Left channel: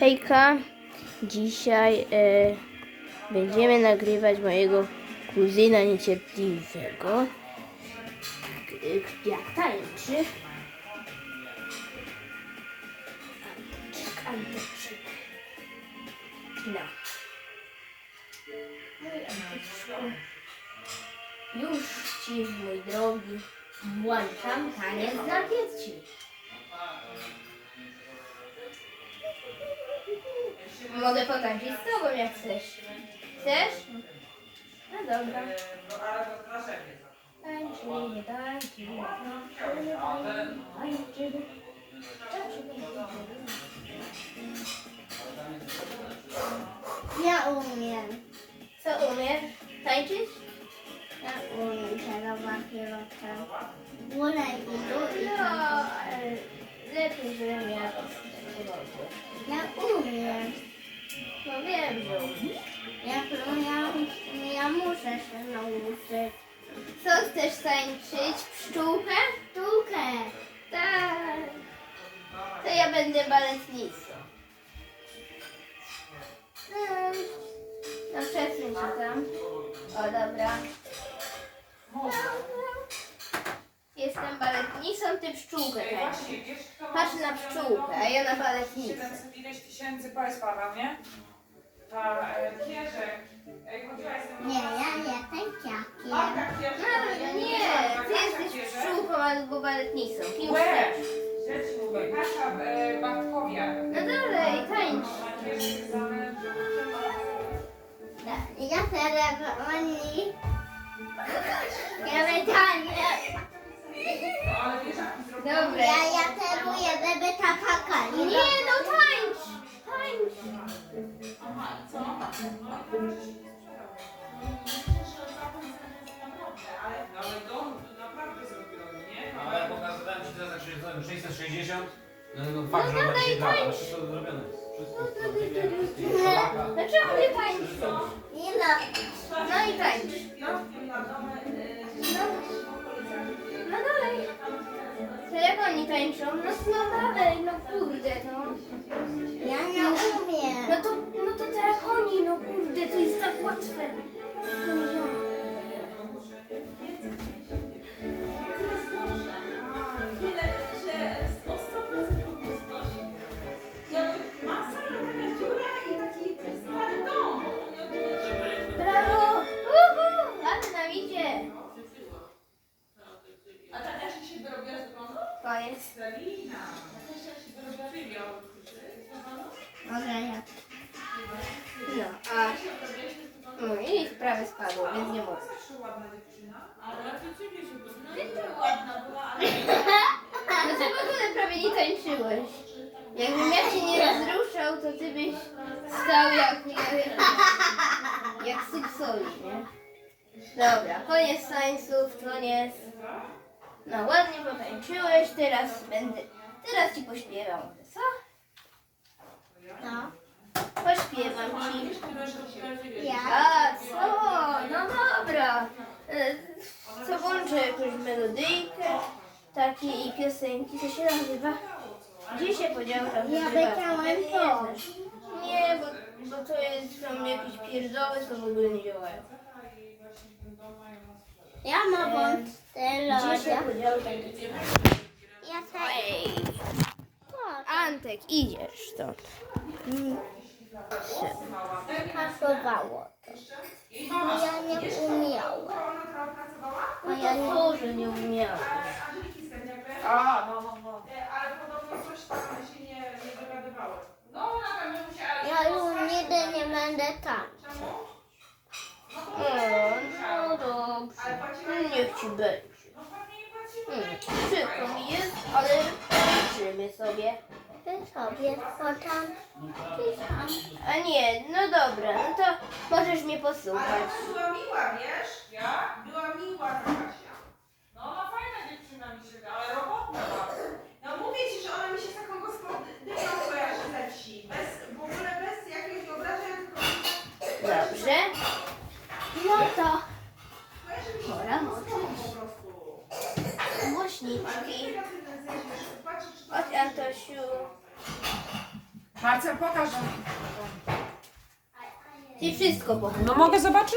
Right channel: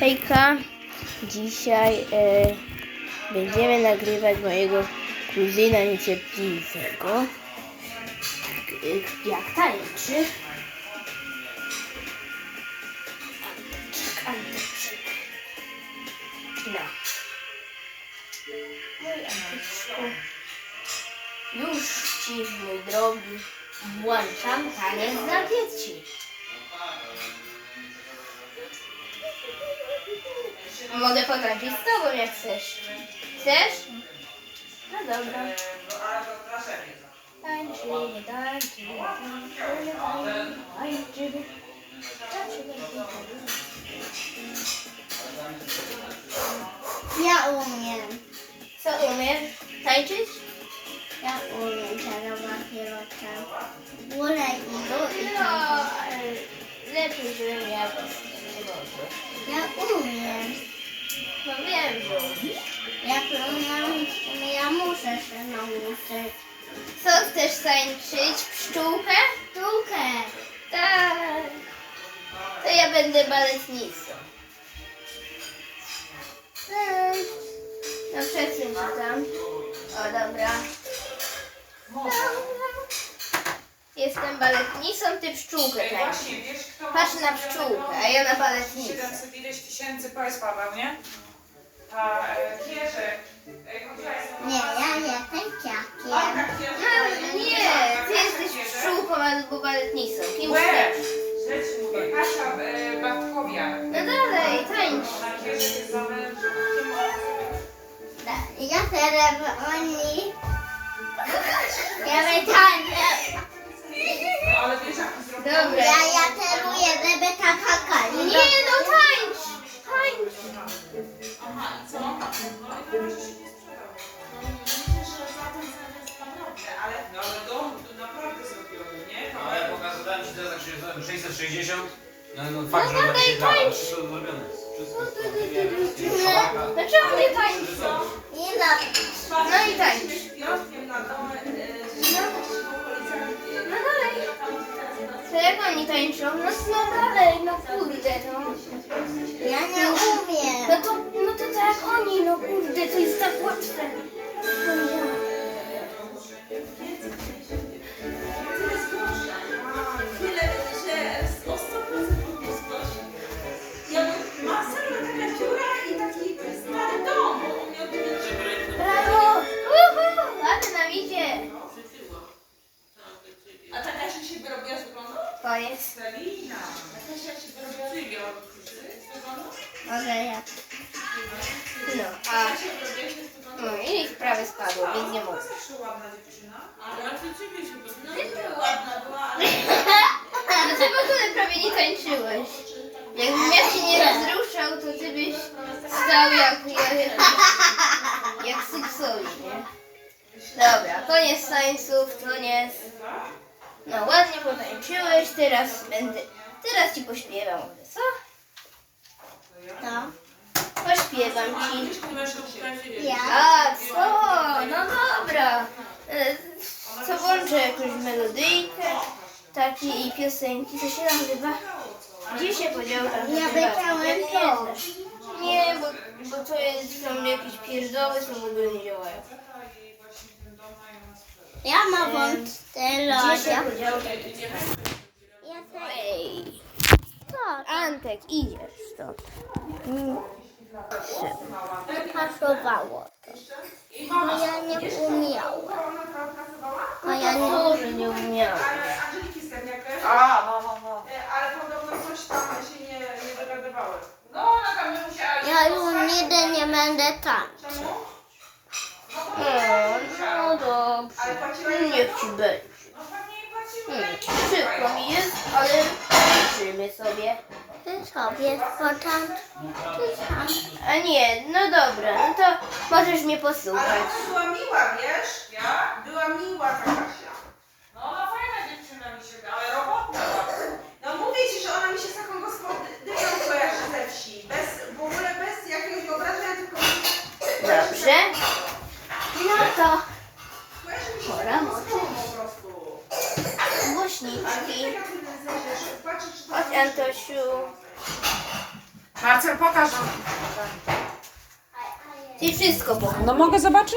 Hejka, dzisiaj e, będziemy nagrywać mojego kuzyna niecierpliwego. K- Jak tańczy. Anteczek, Anteczek. No. Mój Anteczku. Już ci, mój drogi, włączam taniec dla dzieci. Mogę potańczyć z tobą jak chcesz. Chcesz? No dobra. Tańczy, nie tańczy, nie tańczy, nie tańczy. Tańczy, Ja umiem. Co umiesz? Tańczyć? Ja umiem czarować kierowcę. Wolę i go i No, lepiej, żebym ja Ja umiem. No wiem, że umiesz. Ja ja muszę się nauczyć. Co chcesz tańczyć? Pszczółkę? Sztukę. Tak. To ja będę baletnicą. Cześć. No się tam. O, dobra. Jestem baletnicą, ty pszczółkę tańczysz. Właśnie, wiesz, kto ma Patrz na pszczółkę, a ja na baletnicę. 700 ileś tysięcy powiedz Paweł, nie? A e, e, chodziłaś z Nie, ja jestem ciakiem. Marka Kierzek, No, nie, ty jesteś pszczółką albo baletnicą. Kim chcesz? Mówię, Kasia e, Bartkowiak. No dalej, tańcz. Ona jest zamężna. Ja. Ja naprawdę, ale... No ale dom tu naprawdę zrobiony, nie? Ale ja pokazywałem ci teraz, jak się zrobiłem 660. No, no fakt, że dalej, tak się dało, tańcz. wszystko zrobione jest. Wszystko szalaka. Dlaczego nie tańczą? Nie no. No i tańcz. Oni tańczą? No, no dalej, no kurde, no. Ja nie umiem. No to, no to tak jak oni, no jest. Selina. Się? Może ja. No, a się no, i prawie spadło, więc nie mogę. Ładna dziewczyna. Ale raczej ciebie się No była ładna była. No ty w ogóle prawie nie tańczyłeś. Jakbym ja cię nie rozruszał, to ty stał jak, jak, jak Syksowi, nie? Dobra, koniec tańców, koniec. No ładnie potańczyłeś, teraz będę, teraz ci pośpiewam, co? To. Pośpiewam ci. Ja. A, co? No dobra. E, Co włączę jakąś melodyjkę takiej piosenki, co się nazywa? Gdzie się podział tam Ja chyba? Jak nie to. znasz. Nie, bo, bo to jest tam jakieś pierdoły, co w ogóle nie działają. Ja mam wąt Gdzie się lodzia. podział tam? Ja chcę. Ej, To. Antek, idziesz. Mm. Pasowało to. Bo ja nie umiałem. Bo ja nie Może nie umiałam. Angeliki Stępiakę. A, no, no, no. Ale podobno coś tam się nie, nie dogadywały. No ona tam nie musiała... Ja już nigdy nie będę tańczył. O, no dobrze. Niech ci będzie. No. Hmm, przykro mi jest, ale liczymy sobie. Ty sobie potańcz. Ty sam. A nie, no dobra, no to możesz mnie posłuchać. Ale ona była miła, wiesz? Ja? Była miła ta Kasia. No ona fajna dziewczyna mi się da, ale robotna. No mówię ci, że ona mi się z taką gospodynią kojarzy ze wsi. Bez, w ogóle bez jakiegoś wyobrażenia, tylko Dobrze. To Pora prostu. głośniczki. Chodź Antosiu. Marcel, pokaż nam. Czyli wszystko pokaż. No mogę zobaczyć?